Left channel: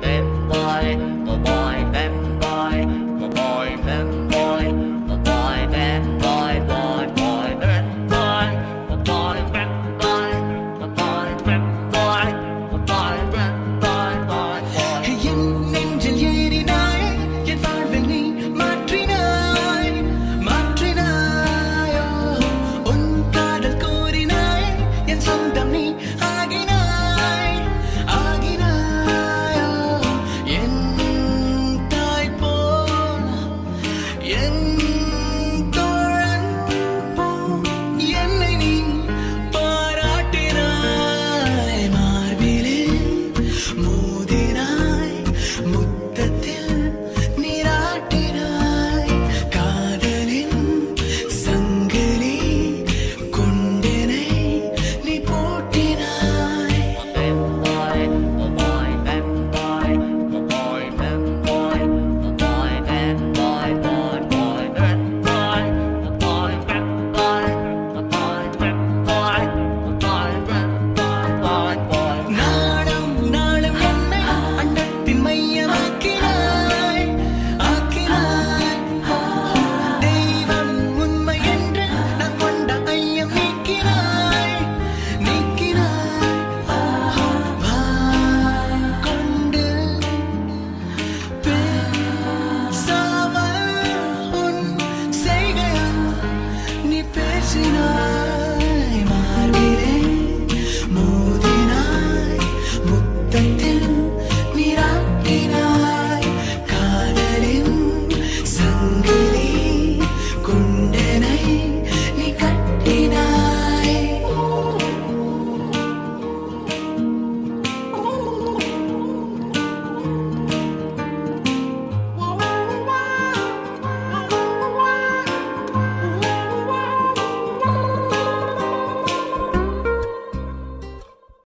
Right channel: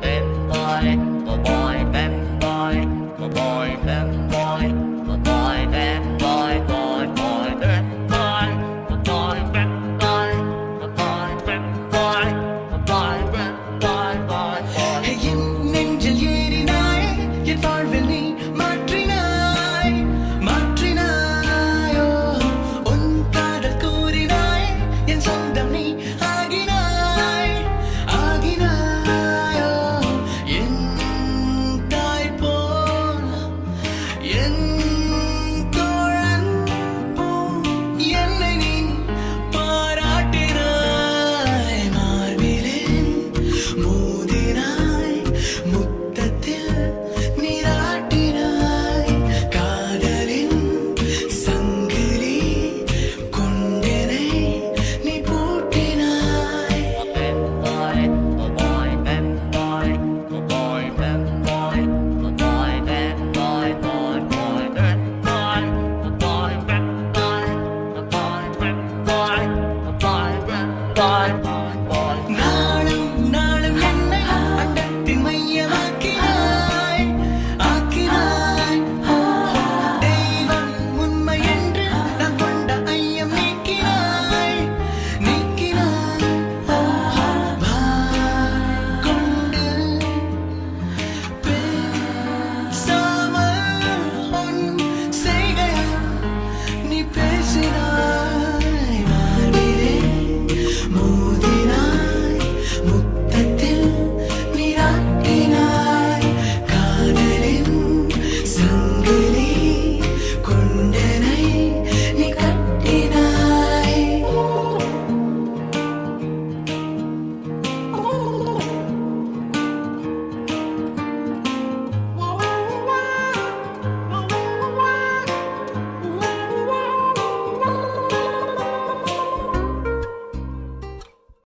bad boy, my boy, bad boy, my boy, bad boy, my boy, bad boy, boy, boy, bad boy, my boy, bad boy, my boy, bad boy, my boy, bad boy, boy, boy. என் நெஞ்சில் ஏறினாயே என் வாழ்வில் நீ மாற்றினாய் மாற்றினாயோ உன் காதல் கூறினாயே என் சொந்தம் நீ ஆகினாய் ஆகினாயோ என் தாய் போல் என் தோழன் போல் என்னை நீ பாராட்டினாய் மார்பிலே மோதினாய் முத்தத்தில் நீராட்டினாய் காதலின் சங்கிலி கொண்டனை நீ பூட்டினாய். My boy, bad boy, my boy, bad boy, my boy, bad boy, boy, boy, bad boy, my boy, bad boy, my boy, bad boy, my boy, bad boy, boy, boy.